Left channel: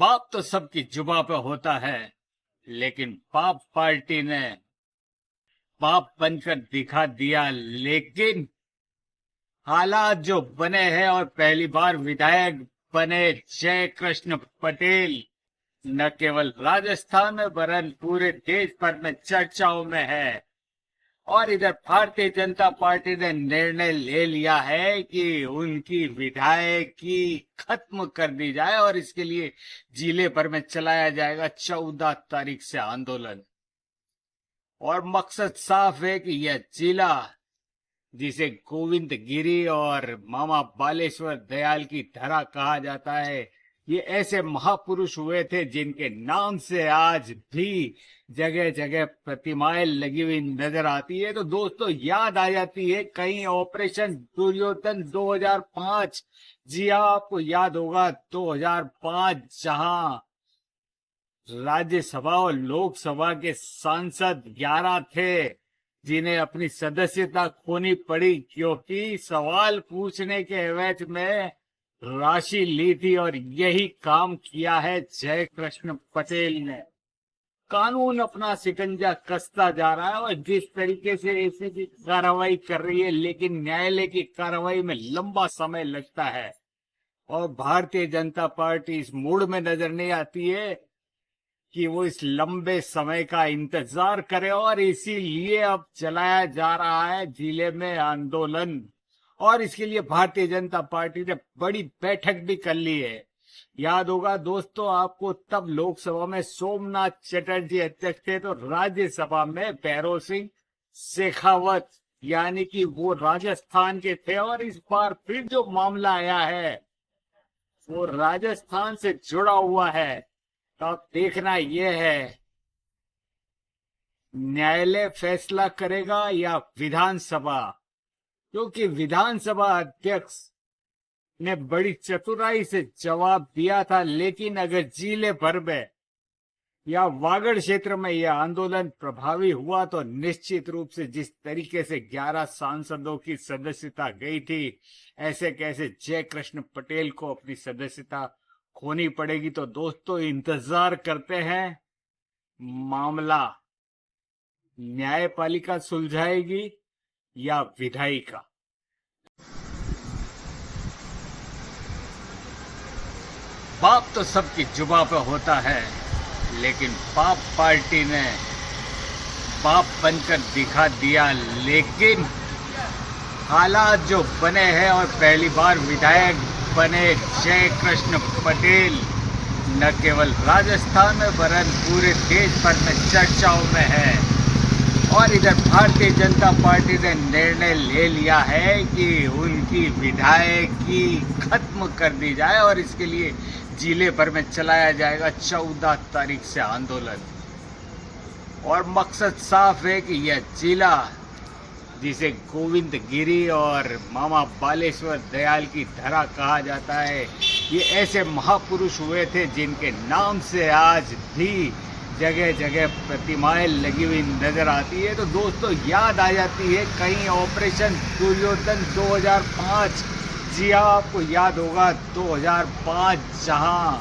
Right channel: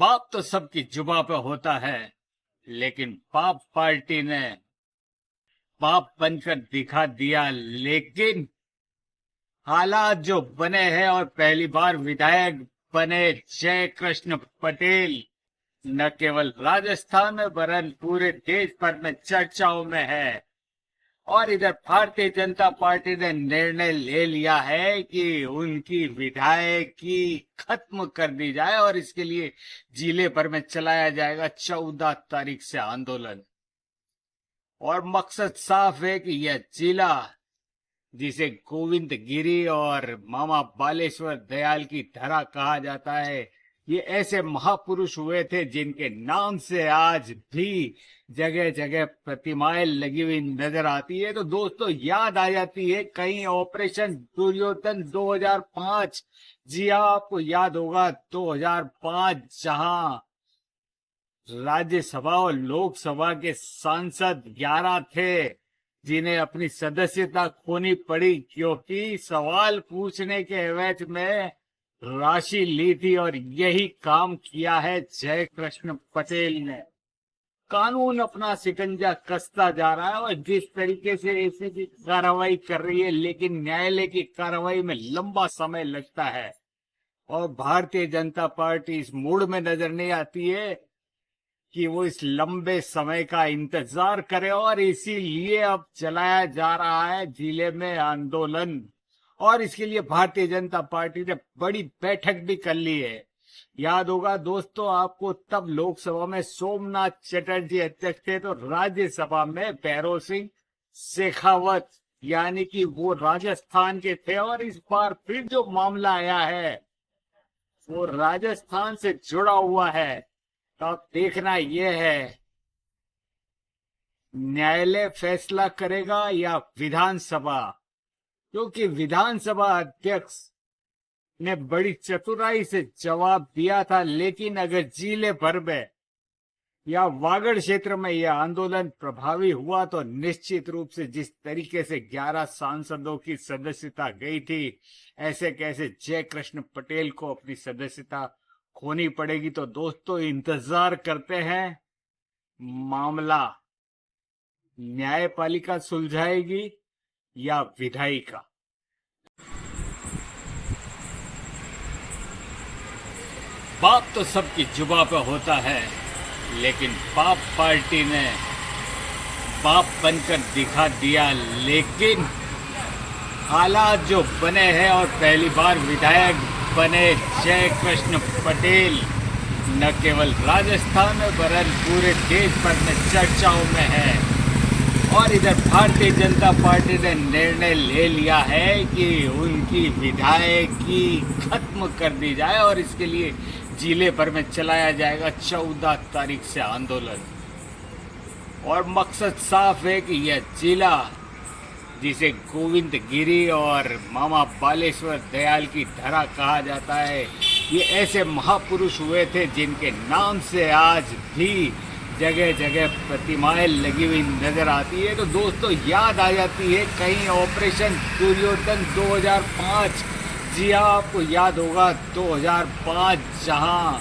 बाप तो सबकी जुबां पे होता है, लेकिन बाप पार्टी ने बाप बनकर दिखा दिया। लेकिन हालात जो बने हैं और पहली बार विधायक बने जय कृष्ण पटेल न केवल राजस्थान में वरन पूरे देश भर में चर्चाओं में है। और इधर भारतीय जनता पार्टी ने निर्णय ले लिया है कि उनकी विधायकी खत्म कर दी जाए और इसके लिए जिले भर में चलाया जाएगा 14 तारीख से आंदोलन। और मकसद साफ है कि यह जिला, जिसे गोविंद गिरी और मामा बालेश्वर दयाल की धरा कहा जाता है, ये ऐसे महापुरुष हुए थे जिनके नाम से आज भी जगह जगह प्रतिमाएं लगी हुई नजर आती है। तो दोस्तों याद आ जाती है कहीं ऑपरेशन दुर्योधन 2005। जी हाँ, आपको याद होगा 2005, जहां राज्यसभा और लोकसभा के सांसद 11 थे जिन्हें अपनी सदस्यता खोनी पड़ी क्योंकि सवाल पूछने के एवज में राशि ली थी। और यही काम किया है जय कृष्ण पटेल ने। कानून अपना शिकंजा कसता जा रहा है और जिस तरीके से ऐसी की कार्रवाई कर रही है, लेकिन न्यायालय की कार्रवाई में लंबा समय लगता है और भारतीय जनता पार्टी इस मूड में नजर नहीं आती है कि वो इस लंबे समय का इंतजार करे। और इसीलिए अब चलाया जा रहा है जिले में आंदोलन। और इसके लिए भारतीय जनता पार्टी ने बड़ी बैठक भी कर ली है। याद होगा दोस्तों आपको, तब लोकसभा में सोमनाथ चटर्जी अध्यक्ष थे तो राज्यसभा में भैरव सिंह शेखावत, यानी कि वो राजस्थान के थे। और इस बार फिर जो मामला आया है वो राजस्थान से जुड़ा हुआ है। तो अब देखना यह है न्यायालय फैसला करेगा या विधानसभा, क्योंकि विधानसभा अध्यक्ष ने बड़ी चतुराई से जवाब दिया था। लेकिन अगर जिले भर में या वागड़ क्षेत्र में यह आंदोलन प्रभावी हुआ तो निश्चित रूप से जिस तरीके से 11 सांसदों की सदस्यता गई थी, ऐसे कैसे जय कृष्ण पटेल को अपनी सदस्यता खोनी पड़ेगी। तो दोस्तों इंतजार करते हैं, मामला न्यायपालिका सुलझाएगी या विधायिका। बाप तो सबकी जुबां पे होता है, लेकिन बाप पार्टी ने बाप बनकर दिखा दिया। लेकिन हालात जो बने हैं और पहली बार विधायक बने जय कृष्ण पटेल न केवल राजस्थान में वरन पूरे देश भर में चर्चाओं में है। और इधर भारतीय जनता पार्टी ने निर्णय ले लिया है कि उनकी विधायकी खत्म कर दी जाए और इसके लिए जिले भर में चलाया जाएगा 14 तारीख से आंदोलन। और मकसद साफ है कि यह जिला, जिसे गोविंद गिरी और मामा बालेश्वर दयाल की धरा कहा जाता है, ये ऐसे महापुरुष हुए थे जिनके नाम से आज भी जगह जगह प्रतिमाएं लगी हुई नजर आती है। तो दोस्तों याद आ जाती है कहीं ऑपरेशन दुर्योधन 2005। जी हाँ, आपको याद होगा 2005, जहां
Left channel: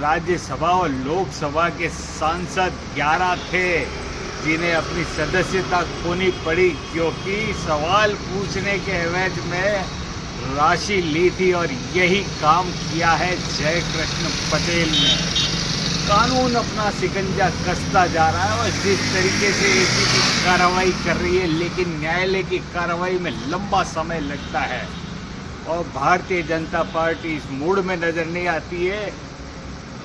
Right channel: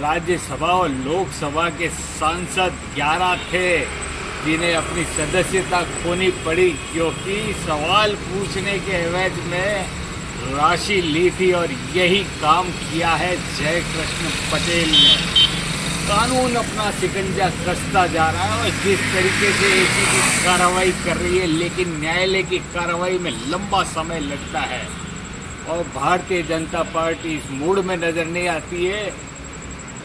राज्यसभा और लोकसभा के सांसद 11 थे जिन्हें अपनी सदस्यता खोनी पड़ी क्योंकि सवाल पूछने के एवज में राशि ली थी। और यही काम किया है जय कृष्ण पटेल ने। कानून अपना शिकंजा कसता जा रहा है और जिस तरीके से ऐसी की कार्रवाई कर रही है, लेकिन न्यायालय की कार्रवाई में लंबा समय लगता है और भारतीय जनता पार्टी इस मूड में नजर नहीं आती है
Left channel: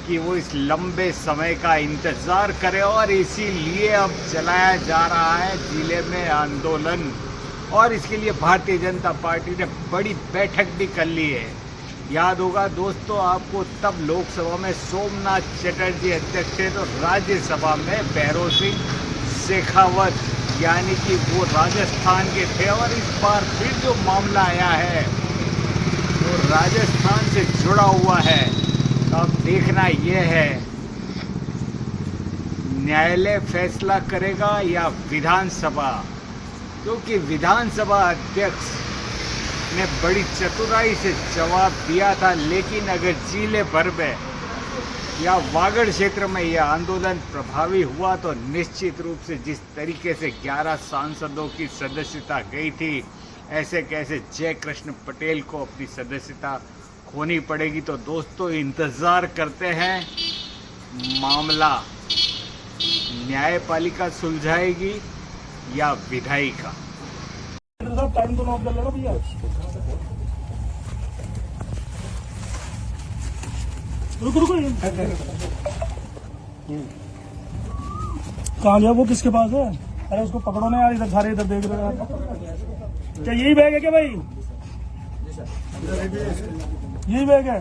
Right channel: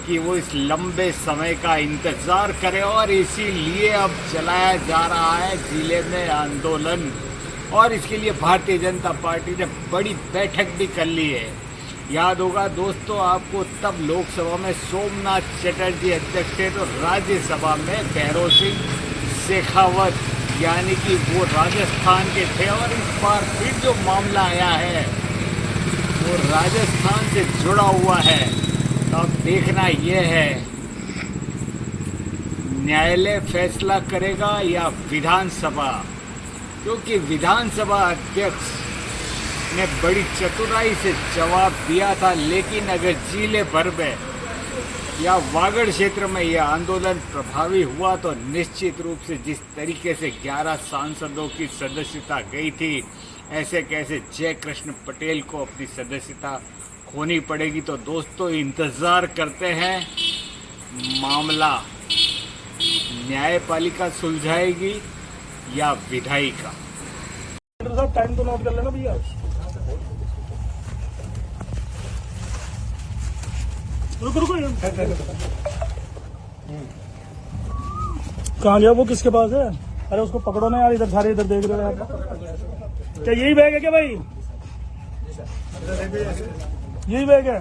कि वो इस लंबे समय का इंतजार करे। और इसीलिए अब चलाया जा रहा है जिले में आंदोलन। और इसके लिए भारतीय जनता पार्टी ने बड़ी बैठक भी कर ली है। याद होगा दोस्तों आपको, तब लोकसभा में सोमनाथ चटर्जी अध्यक्ष थे तो राज्यसभा में भैरव सिंह शेखावत, यानी कि वो राजस्थान के थे। और इस बार फिर जो मामला आया है वो राजस्थान से जुड़ा हुआ है। तो अब देखना यह है न्यायालय फैसला करेगा या विधानसभा, क्योंकि विधानसभा अध्यक्ष ने बड़ी चतुराई से जवाब दिया था। लेकिन अगर जिले भर में या वागड़ क्षेत्र में यह आंदोलन प्रभावी हुआ तो निश्चित रूप से जिस तरीके से 11 सांसदों की सदस्यता गई थी, ऐसे कैसे जयकृष्ण पटेल को अपनी सदस्यता खोनी पड़ेगी। तो दोस्तों इंतज़ार करते हैं, मामला न्यायपालिका सुलझाएगी या विधायिका। टाइम को नोट कर लेना भैया। रुको कहाँ गया वो, किसके पास है? अरे उसको पकड़ो ना यार, इधर सारे इधर देख रहे हो। क्या यही बैग है क्या भाई? यही बैग है?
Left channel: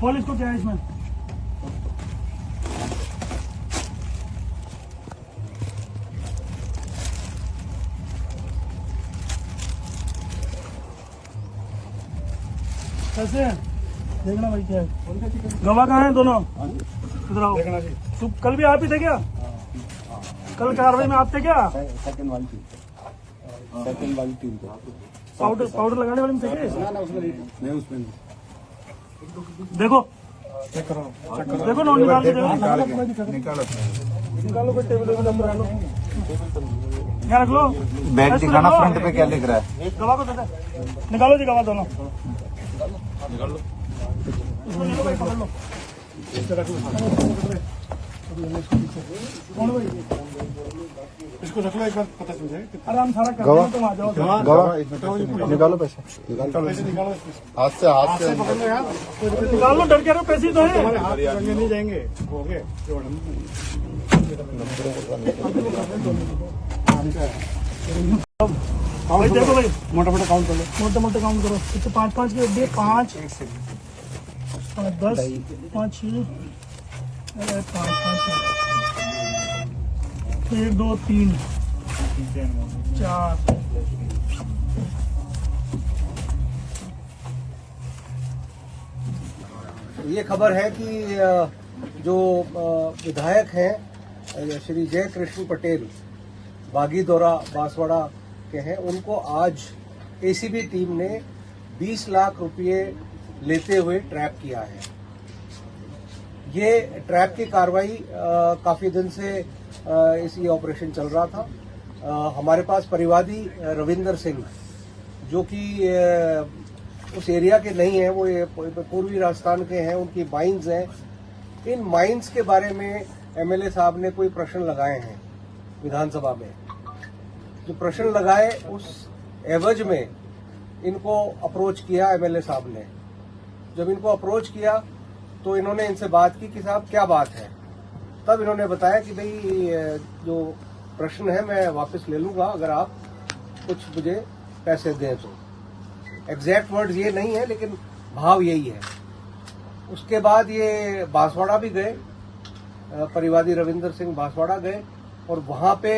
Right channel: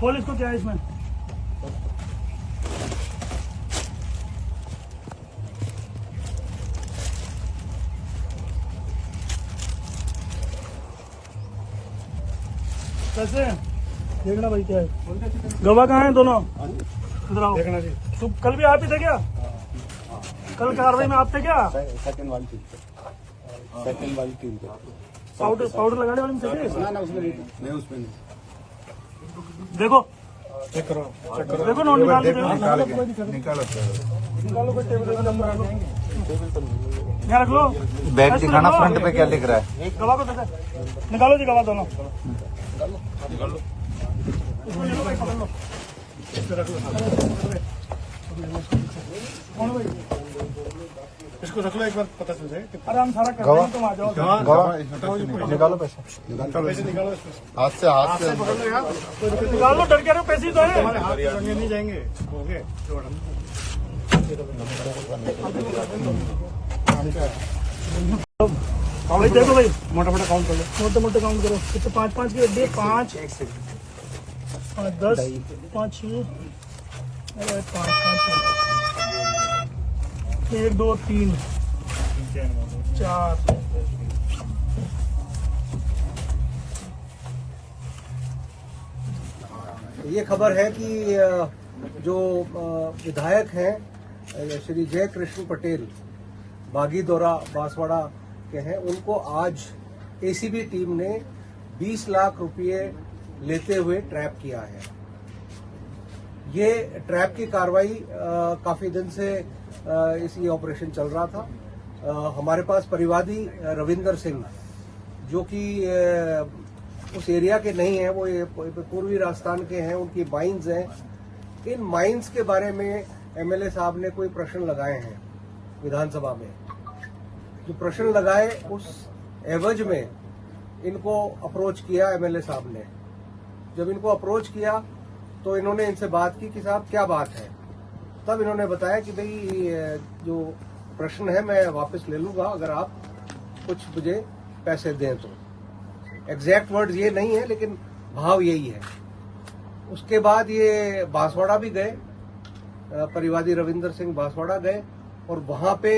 खोल इसको, क्या है इसमें? कैसे है? देखना भाई क्या है। गवाह कहाँ है दोनों? इधर आओ। कल भी आते थे क्या? कल कार्रवाई में आते क्या? सेकंड वाली टीम पे पाउडर लगाने वाले मैं उसमें देखो देखो नोट निकालो। बैग दिखाना फ्रंट पे क्या लिख रहा है? निकालो दोनों। इसको रख लो, एक बार पता चल जाए। पैसे निकालो, हाथ से पकड़ लो यार। पैसे तो तुम्हारे हाथ नहीं जाएंगे, हो गए। देखो भाई, मोटा काउंट करो, मोटे काउंट करो। कितने? 5 के 5 10 5 अरे 5 1 2 3 4। ये खबर है कि जो विधायक हैं श्री जयकृष्ण पटेल बागीदोरा बांसवाड़ा के हैं, उनको आज एसीबी टीम ने 20 लाख रुपए लेते हुए ट्रैप किया है। ये ट्रैप की कार्रवाई काफी दिन से ये ऑपरेशन चल रहा था। हमारे पास परिवादी रविंदर सिंह, जो कि उस एरिया के नहीं है, वो ये पूर्वी राजस्थान के हैं, उनकी माइंस हैं। इन माइंस के बारे में एमएलए साहब ने कोई प्रश्न लगाए हैं विधानसभा में। जो प्रश्न लगाए उस एवज में इनको अप्रोच किया एमएलए साहब ने। जब इनको अप्रोच किया तो इन्होंने इनसे बात की कि साहब क्या बात है। तब इन्होंने बताया कि भाई जो प्रश्न है मैं वापस ले लूंगा अगर आप कुछ मुझे पैसे दें तो। एग्जैक्ट वर्ड्स ये नहीं है लेकिन भाव यही है। उसके बाद ये बांसवाड़ा भी गए, परिवादी रविंदर सिंह बांसवाड़ा गए और वहां पे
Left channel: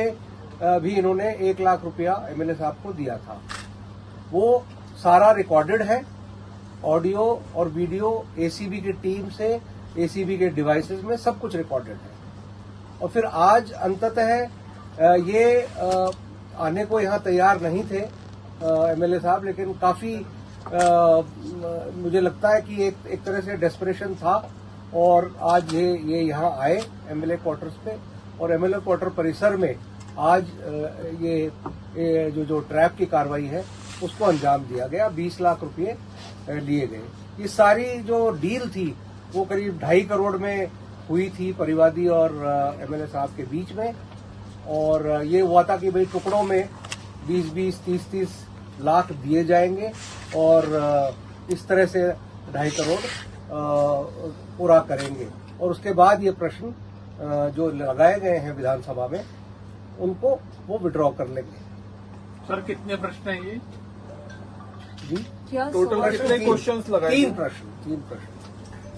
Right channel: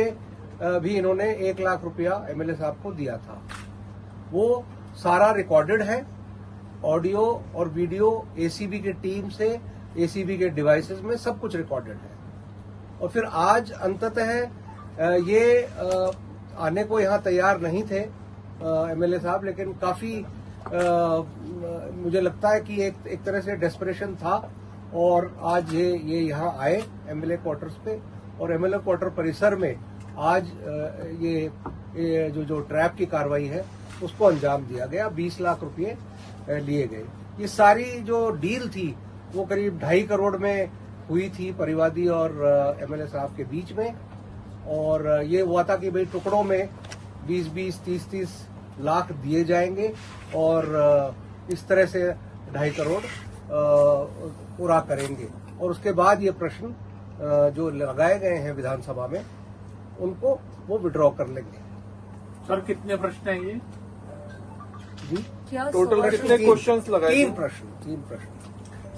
भी इन्होंने 1 लाख रुपया एमएलए साहब को दिया था। वो सारा रिकॉर्डेड है, ऑडियो और वीडियो एसीबी की टीम से, एसीबी के डिवाइसेस में सब कुछ रिकॉर्डेड है। और फिर आज अंततः ये आने को यहाँ तैयार नहीं थे एमएलए साहब, लेकिन काफी मुझे लगता है कि एक तरह से डेस्परेशन था और आज ये यहाँ आए एमएलए क्वार्टर्स पे और एमएलए क्वार्टर परिसर में आज ये जो ट्रैप की कार्रवाई है उसको अंजाम दिया गया। 20 लाख रुपए लिए गए। ये सारी जो डील थी वो करीब 2.5 करोड़ में हुई थी परिवादी और एमएलए साहब के बीच में। और ये हुआ था कि भाई टुकड़ों में 20-20, 30-30 लाख दिए जाएंगे और इस तरह से 2.5 करोड़ पूरा करेंगे। और उसके बाद ये प्रश्न जो लगाए गए हैं विधानसभा में उनको वो विड्रॉ कर लेंगे। सर कितने प्रश्न हैं ये? जी टोटल कितने क्वेश्चंस लगाए? 3 प्रश्न।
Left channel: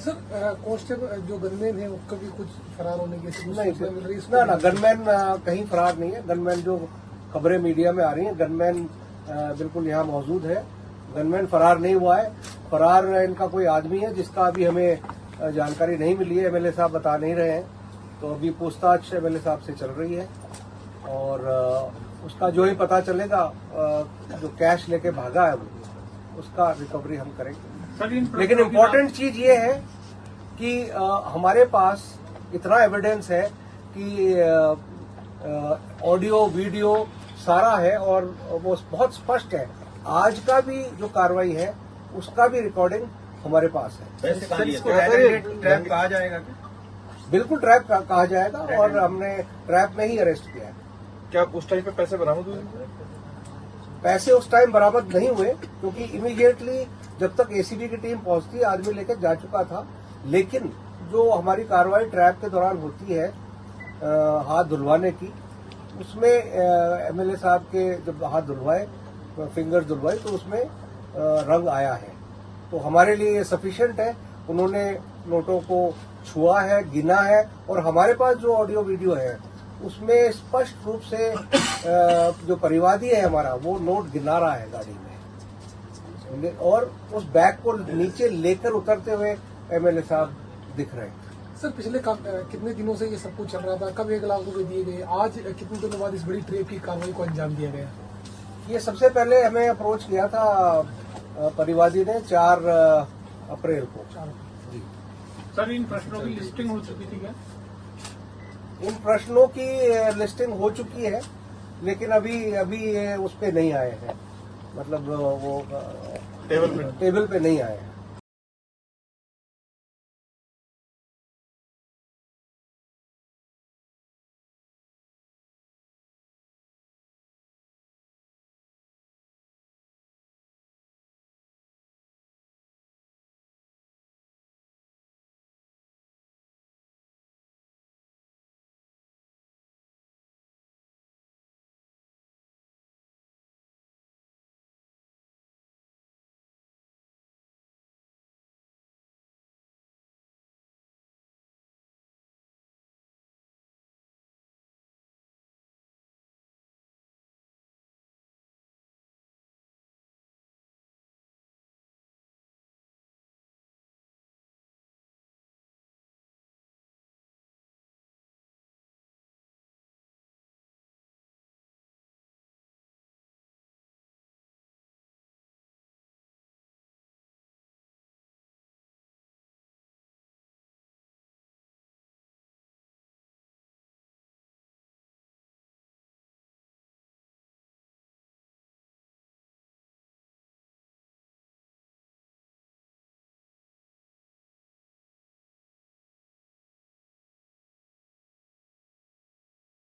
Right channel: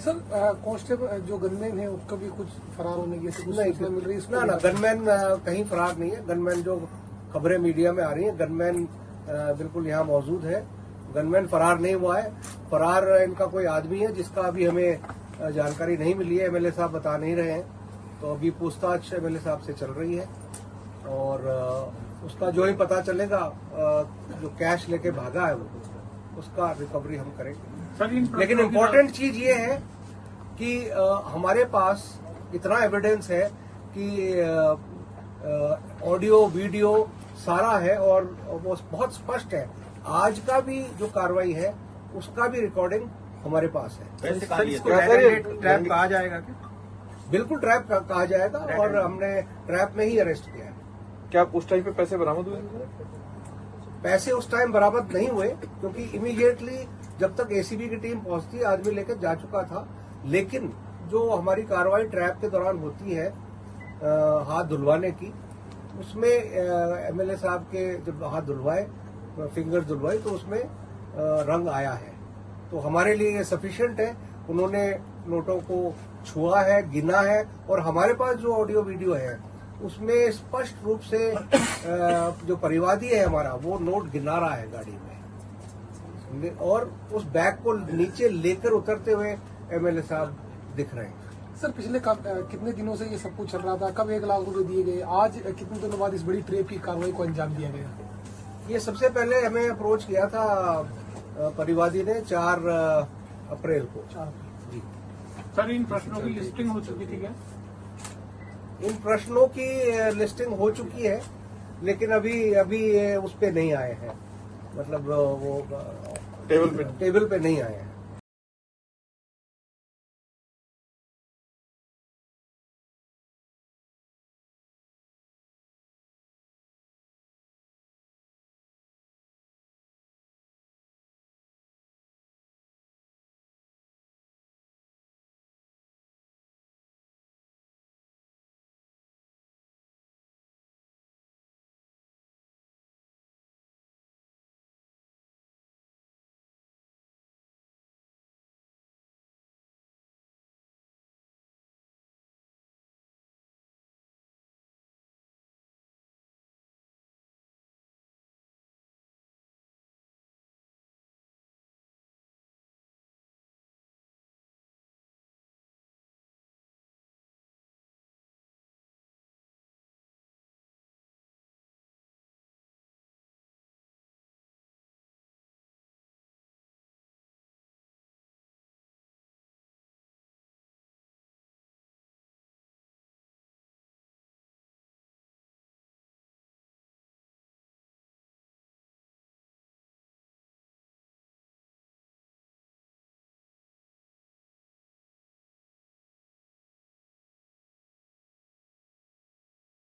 सर कांस्टेबल जो गनमैन है उसको भी कुछ फरार होने की नहीं, ना गनमैन कहीं फरार नहीं है। गनमैन जो खबरें मीडिया में आ रही हैं, गनमैन बिल्कुल यहाँ मौजूद है। गनमैन फरार नहीं हुआ है। फरार इनका कोई आदमी है जिसका अभी हमें जानकारी नहीं मिली है, एमएलए साहब बता नहीं रहे हैं। तो अभी पूछताछ एमएलए साहब से चल रही है और उसका जो ही पता चलेगा, जो कैश लेके भागा है वो, उसका रिकवरी हम करेंगे। लेकिन इम्पोर्टेंट चीज ये है कि हमारे पास इतना एविडेंस है कि ऑडियो वीडियो सारा है और वो बहुत स्पष्ट है। आज का भी जो कार्रवाई है उसका भी रिकॉर्डिंग हमारे पास है। सर, इसको ट्रैप कहा जाएगा क्या? बिल्कुल ट्रैप कहा जाएगा और हमने ट्रैप में ही अरेस्ट किया है। क्या उस टाइम पे पैसे बरामद हुए? पैसे उस टाइम बरामद नहीं हुए क्योंकि इमीडिएटली जब तक एसीबी की टीम पहुंचती आदमी लेकर जा चुका था। लेकिन जो हमारी कार्रवाई ट्रैप के दौरान होती है हाथ धुलवाने की, उसमें एमएलए साहब के जब हाथ धुलवाए, फिंगर धुलवाई, तो उसमें रंग आया है। तो हमारे लिए ये सफिशिएंट है। उन्होंने नोटों को छुआ है, गिना है और हमारे पास जो ऑडियो वीडियो है उसमें स्पष्ट रूप से जो परिवादी है हमारा, वो नोट गिना रहा है गाड़ी में और उस बैग को नीचे लेकर उतरते हुए एमएलए साहब दिख रहे हैं। सर, पिछले कितने दिनों से ये सब कुछ चल रहा था? कब 1 लाख रुपए दिए गए? आज कितने दिनों बाद इस बड़ी ट्रेप की कार्रवाई को अंजाम दिया गया? ये सबसे पहले हमें अप्रोच किया था परिवादी ने 4 अप्रैल को। जी सर, इन प्रश्नों की लिस्टिंग हो चुकी थी क्या? इन प्रश्नों की लिस्टिंग हो चुकी है लेकिन अभी उस पे नहीं आए हैं, मतलब वो टेबल पे नहीं आए हैं।